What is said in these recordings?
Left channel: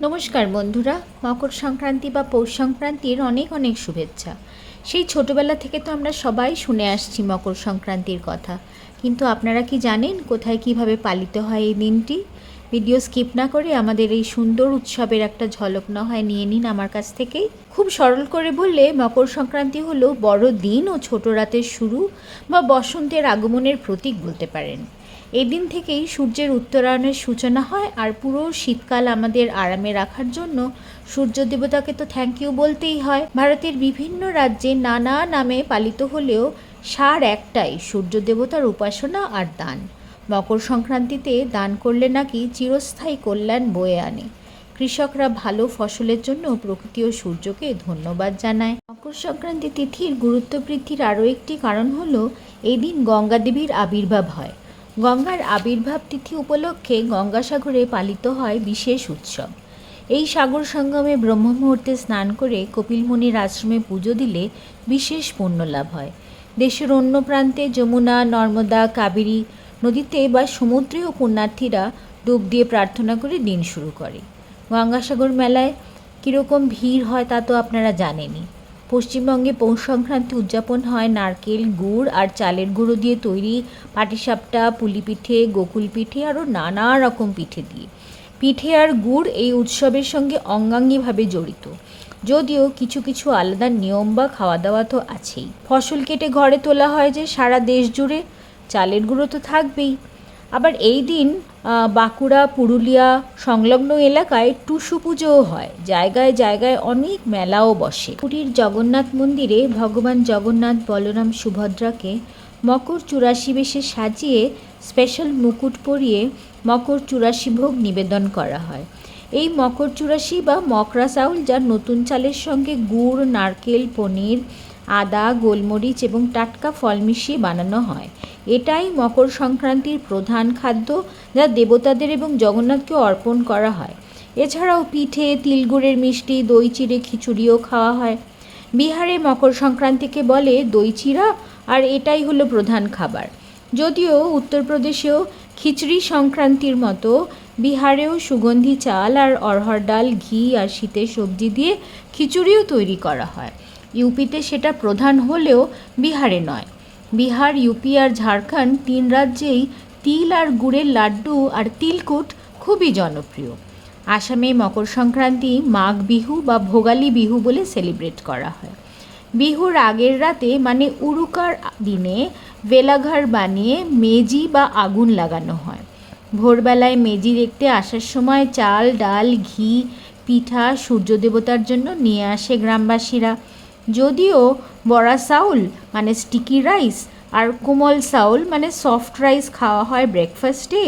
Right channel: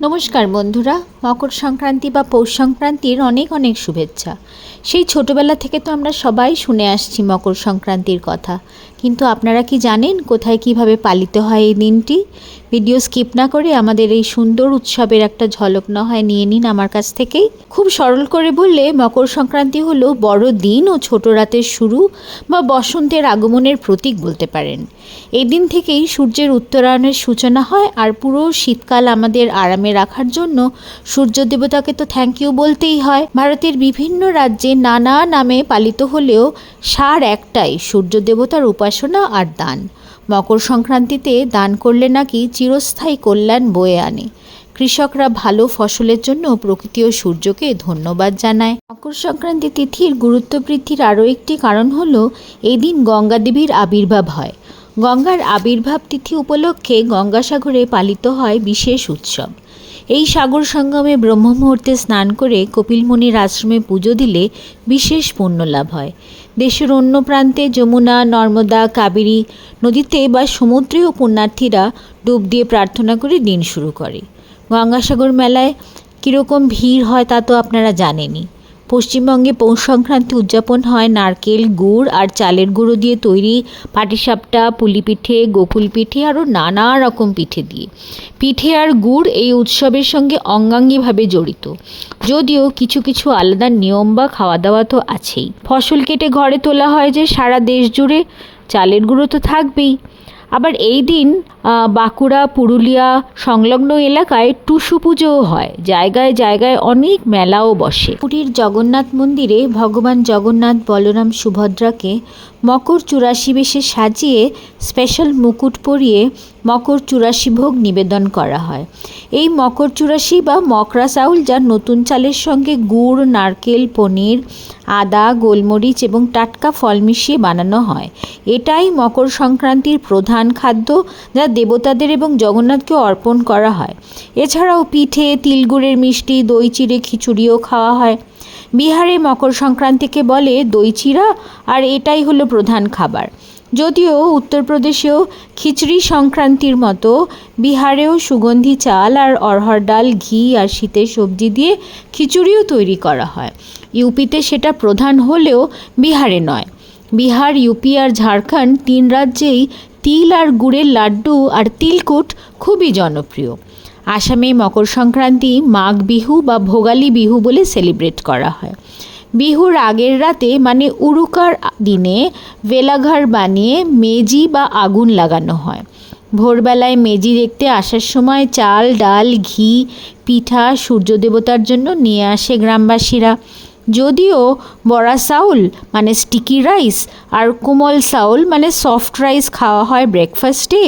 নমস্কার বন্ধুরা, মকর সংক্রান্তি বা পৌষ সংক্রান্তির অনেক অনেক শুভেচ্ছা। সেই ছোটোবেলা থেকে তো আমরা সবাই শুনে আসছি মকর সংক্রান্তির কথা, কিন্তু আপনারা কি জানেন কোথায় কিভাবে পালিত হয় এই দিনটি? ভিডিও স্কিপ না করে আমাদের এই সুন্দর উৎসবের একটা ঝলক না হয় নিয়ে নিন আমার কাছ থেকেই। খুব সরল করে বললে মকর সংক্রান্তি হলো বড় দিন ও ছোট রাতের শুরু বা বসন্তের আগমনের প্রতীক বলতে পারেন। এই দিন থেকেই সূর্যের উত্তরায়ণের সূচনা হয়, আর পুরো শীতকাল আমাদের আরামে রাখার জন্য সূর্য দেবতাকে তো থ্যাংক ইউ বলতেই হয়। ভারতের বিভিন্ন রাজ্যে নানা নামে পালিত হলেও সার একটাই, সূর্য দেবতার উপাসনা আর দান। মকর সংক্রান্তিতে দান করলে নাকি চিরস্থায়ী কল্যাণ বয়ে আনে। কৃষকরা ভালো ফসলের জন্য প্রকৃতি ও সূর্যকে ধন্যবাদ জানায়। মকর সংক্রান্তি তিথির গুরুত্ব বৃদ্ধির আরও একটি কারণ হলো এই দিন গঙ্গা দেবীর আবির্ভাব হয়। গঙ্গার আবির্ভাব তিথি উপলক্ষে গঙ্গাসাগরে পালিত হয় বিশেষ উৎসব। এই সাগর সঙ্গমে ব্রহ্ম মুহূর্তে স্নান করে কপিল মুনির আশ্রমে পুজো দিলে বিশেষ পুণ্য লাভ হয়। দেশের অন্য প্রান্তে যমুনা, নর্মদা, কাবেরী নদীতে বা সমুদ্রেও পুণ্যার্থীরা ডুব দিয়ে প্রার্থনা করে দিন শুরু করে। গঙ্গাসাগর মেলায় কীরকম ভিড় হয় তা তো আপনারা জানেনই। পশ্চিমবঙ্গে পৌষ সংক্রান্তি উদযাপন হয় নারকেল, গুড় আর চালের গুঁড়ো দিয়ে তৈরি পাটিসাপটা, পুলি পিঠে, গোকুল পিঠে আরও নানা রকম পিঠে দিয়ে। পিঠে আর গুড় এই উৎসবের সঙ্গে অঙ্গাঙ্গিভাবে জড়িত, যদিও কিছু কিছু আলাদা নিয়ম বা খাওয়া দাওয়া তো আছেই। ফসল কেটে ঘরে তোলা হয় যে সারা দেশ জুড়ে, চালের গুঁড়ো তো থাকবেই। আবার এই দিন বাঁকুড়া, পুরুলিয়া সংলগ্ন এলাকায় টুসু পুজোও হয়। জায়গায় জায়গায় অনেক মেলাও বসে। পুরীর জগন্নাথ মন্দিরে ভগবান জগন্নাথ, বলরাম, সুভদ্রাকে মকর চুরাশি বেশে সাজিয়ে স্পেশাল মুকুট পরিয়ে মকর চুরাশি ভোগ নিবেদন করা হয়। এই মকর চুরাশি বা মকরা চাউল, যা নতুন চালের সঙ্গে গুড়, নারকেল, পনির, আদা, গোলমরিচ এবং টাটকা ফল মিশিয়ে বানানো হয়। এটাই মকর সংক্রান্তির প্রধান খাদ্য, যা দেবতাদের এবং জগন্নাথকে অর্পণ করা হয়। এছাড়াও পিঠে, তিলগুড়ের মিষ্টি, দই চিড়ে খিচুড়িও খাওয়া হয়। বিহারে মকর সংক্রান্তিকে বলে দই চিড়া, আর এটাই হলো প্রধান খাবার। যদিও উত্তরপ্রদেশেও খিচড়ি সংক্রান্তির মতো বিহারেও সুগন্ধি চাল আর অরহর ডাল, ঘি আর শীতের সবজি দিয়ে খিচুড়িও তৈরি করা হয়। ইউপিতে সেটা প্রধান হলেও বিহারে নয়। বিহার, ইউপি আর ঝাড়খণ্ড তিন রাজ্যেই তিল আর গুড়ের লাড্ডু আর তিলকুট খুবই জনপ্রিয়। আসামে মকর সংক্রান্তি মাঘ বিহু বা ভোগালী বিহু বলে সেলিব্রেট করা হয়। বিহুর আগের রাতে মানে উরুকার দিনে ভেলাঘর বানিয়ে মেজি বা আগুন লাগানো হয়। ভোরবেলায় মেজি দেখতে আসার সময় চাল, ডাল, ঘি, পিঠা সূর্য দেবতার জন্য নিয়ে আসে গ্রামবাসীরা। যদিও বড়া চাউল মানে স্টিকি রাইস আর কোমল চাউল মানে সফট রাইস খাওয়া হয় ব্রেকফাস্টে,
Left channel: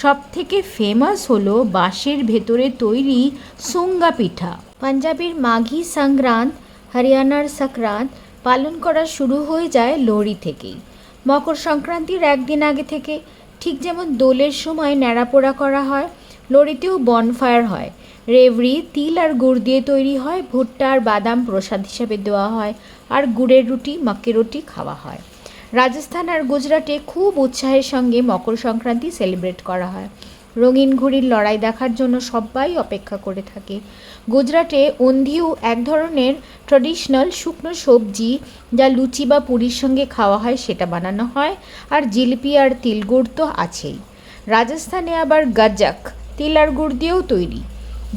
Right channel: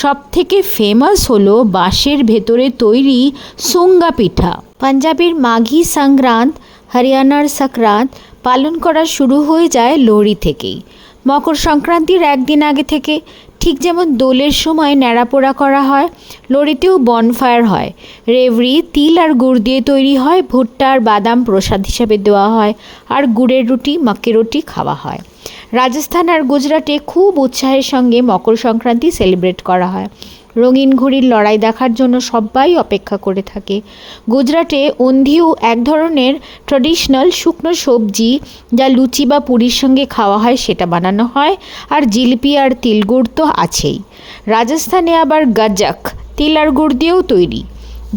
সব থেকে ফেমাস হলো বাঁশের ভেতরে তৈরি সুঙ্গা পিঠা। পাঞ্জাবের মাঘী সংক্রান্ত, হরিয়ানার সংক্রান্ত পালন করা শুরু হয়ে যায় লোহড়ি থেকেই। মকর সংক্রান্তির একদিন আগে থেকে, ঠিক যেমন দোলের সময় ন্যাড়াপোড়া করা হয়, লোহড়িতেও বনফায়ার হয়। রেভরি তিল আর গুড় দিয়ে তৈরি হয়। ভুট্টা আর বাদাম প্রসাদ হিসাবে দেওয়া হয়, আর গুড়ের রুটি, মাক্কি রুটি খাওয়া হয়। রাজস্থান আর গুজরাটে খুব উৎসাহের সঙ্গে মকর সংক্রান্তি সেলিব্রেট করা হয়। রঙিন ঘুড়ির লড়াই দেখার জন্য সবাই অপেক্ষা করে থাকে। গুজরাটে ওন্ধিউ এক ধরনের ট্র্যাডিশনাল শুকনো সবজি, যা লুচি বা পুরির সঙ্গে খাওয়া হয়, সেটা বানানো হয়। আর জিলিপি আর তিলগুড় তো আছেই। রাজস্থানে আবার গাজক তিল আর গুড় দিয়েও তৈরি।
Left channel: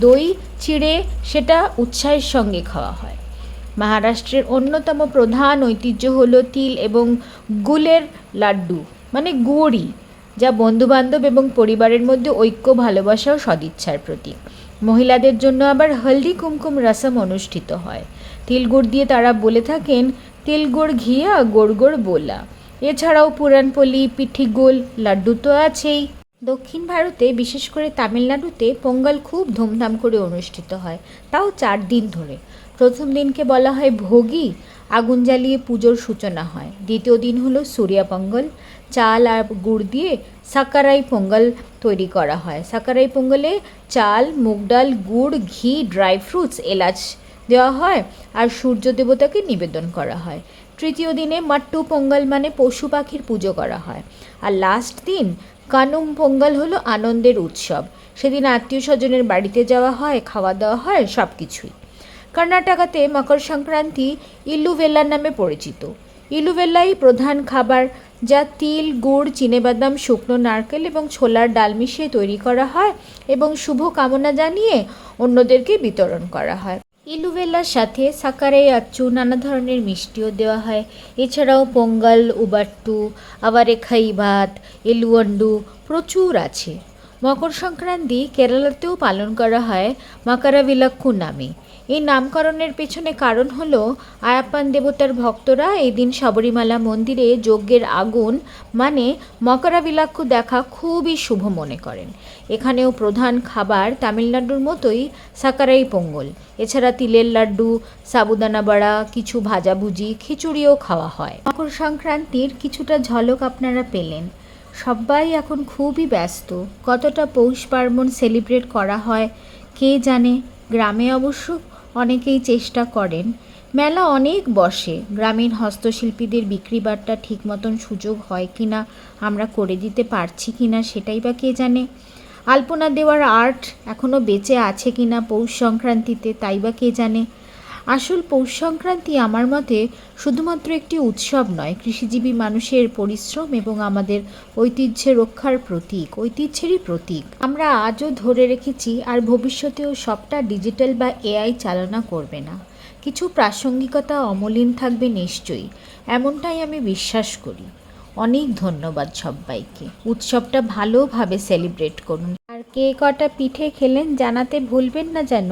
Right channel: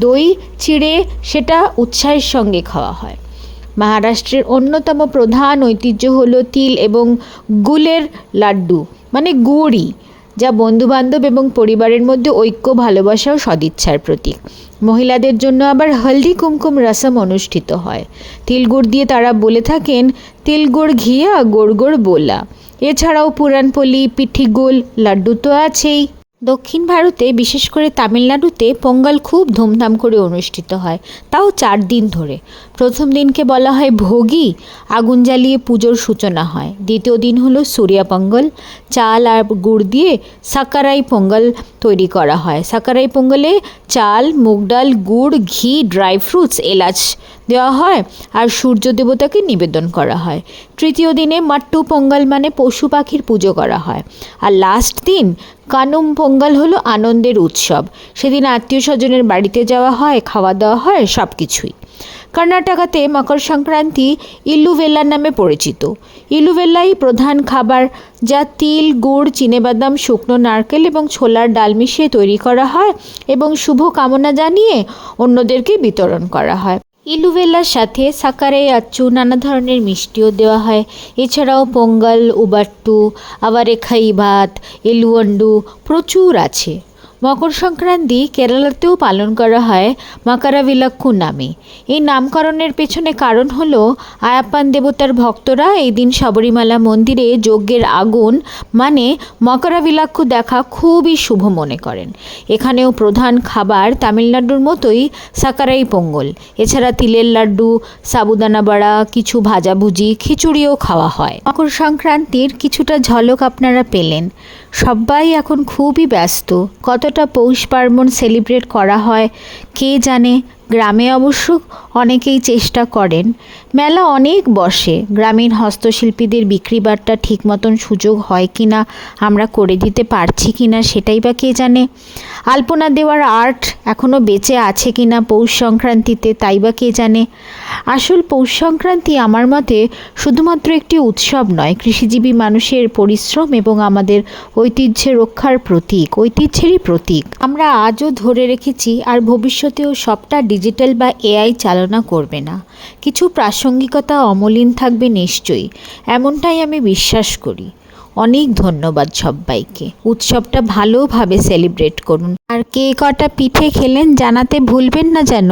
দই চিড়ে সেটা উৎসাহের সঙ্গে খাওয়া হয়। মহারাষ্ট্রের অন্যতম প্রধান ঐতিহ্য হলো তিল এবং গুলের লাড্ডু মানে গুড়ি, যা বন্ধুবান্ধব এবং পরিবারের মধ্যে ঐক্য, ভালোবাসা ও সদিচ্ছার প্রতীক। মহিলাদের জন্য আবার হলদি কুমকুম রসম অনুষ্ঠিত হয়। তিলগুড় দিয়ে তারা বলে থাকেন তিলগুড় ঘিয়া গোড় গোড় বোলা। এছাড়াও পুরানপোলি, পিঠি গোল, লাড্ডু তো আছেই। দক্ষিণ ভারতে, বিশেষ করে তামিলনাড়ুতে পোঙ্গল খুব ধুমধাম করে অনুষ্ঠিত হয়, তাও 4 দিন ধরে। প্রথম দিনকে বলা হয় ভোগী, আগুন জ্বালিয়ে পুজোর সূচনা হয়। দ্বিতীয় দিন হলো সূর্যা পোঙ্গল, চাল আর গুড় দিয়ে সাকারাই পোঙ্গল তৈরি করা হয়। সাকারাই পোঙ্গলে চাল, মুগ ডাল, গুড়, ঘি, ড্রাই ফ্রুটস, এলাচ দেওয়া হয় আর সূর্য দেবতাকে নিবেদন করা হয়। তৃতীয় দিনে মাট্টু পোঙ্গল মানে পশু পাখির পুজো করা হয়। আর লাস্ট দিন কানুম পোঙ্গল হলো আনন্দের উৎসব। সেদিন আত্মীয় স্বজনের বাড়িতে যাওয়া হয়, খাওয়া দাওয়া হয়, সব কিছুই। কর্ণাটকাতে মকর সংক্রান্তি ইলুভেল্লা নামে পরিচিত। ইলুভেল্লাই প্রধান খাবার, যা তিল, গুড়, চিনেবাদাম, শুকনো নারকেল এবং ছোলার ডাল মিশিয়ে তৈরি করা হয় এবং শুভ কামনা জানিয়ে অন্যদেরকে বিতরণ করা হয়। ইলুভেল্লার সাথে সাকারে আচ্চু, নানা ধরনের মিষ্টিও দেওয়া হয়। এছাড়াও পোঙ্গল, উবাট্টু, আওয়ারেখাই ভাত, এলুয়ান্ডু প্রচুর আছে। মকর সংক্রান্তি কেরালাতেও পালন করা হয় মাকারাভিলাক্কু নামে। এই নামকরণের পেছনে কারণ হলো আয়াপ্পান দেবতার ভক্তরা এই দিন শবরীমালা মন্দিরে যজ্ঞের আগুন মানে মকরাভিলাক্কু দেখা খুবই শুভ মনে করেন। এখানেও প্রধান খাবার তামিলনাড়ুর মতোই সাকারাই পোঙ্গল। এছাড়া তিলের লাড্ডু, সাবুদানা বড়া, কিছু ভাজাভুজি, খিচুড়িও খাওয়া হয়। মকর সংক্রান্তির কিছুটা ঝলক আপনারা পেলেন। সবাই এখন খুবই ব্যস্ত। কতটা পৌষ পার্বণ সেলিব্রেট করা হয় কে জানে। গ্রামে অবশ্য অনেকেই চেষ্টা করেন। মেলা অনেক বসে। গ্রামীণ হস্তশিল্পীদের বিক্রি বাট্টা ঠিক মতন সুযোগ হয় কি না, আমরা করে দিতে পারছি কি না, সেটাই বা কে জানে। আলপনা দেওয়ার আর্ট এখনও বেঁচে আছে কি না পৌষ সংক্রান্তিতে, তাই বা কে জানে। আসল পৌষ সংক্রান্তি আমার মতে শুধুমাত্র একটি উৎসব নয়, কৃষিজীবী মানুষের পরিশ্রম এবং আমাদের ঐতিহ্যের রক্ষার প্রতীক, ঐতিহ্যেরই প্রতীক। আমরা আজও ধরে রেখেছি আর ভবিষ্যতেও সবটা ডিজিটাল বা এআই চালনা করবে না। কিছু প্রাসঙ্গিকতা অমলিন থাকবে নিশ্চয়ই, এমনটাই আমি বিশ্বাস করি। অনেক ধন্যবাদ সবাইকে। উৎসবটা ভালোভাবে সেলিব্রেট করুন। আর কে কটা পিঠে খেলেন জানাতে ভুলবেন না যেন।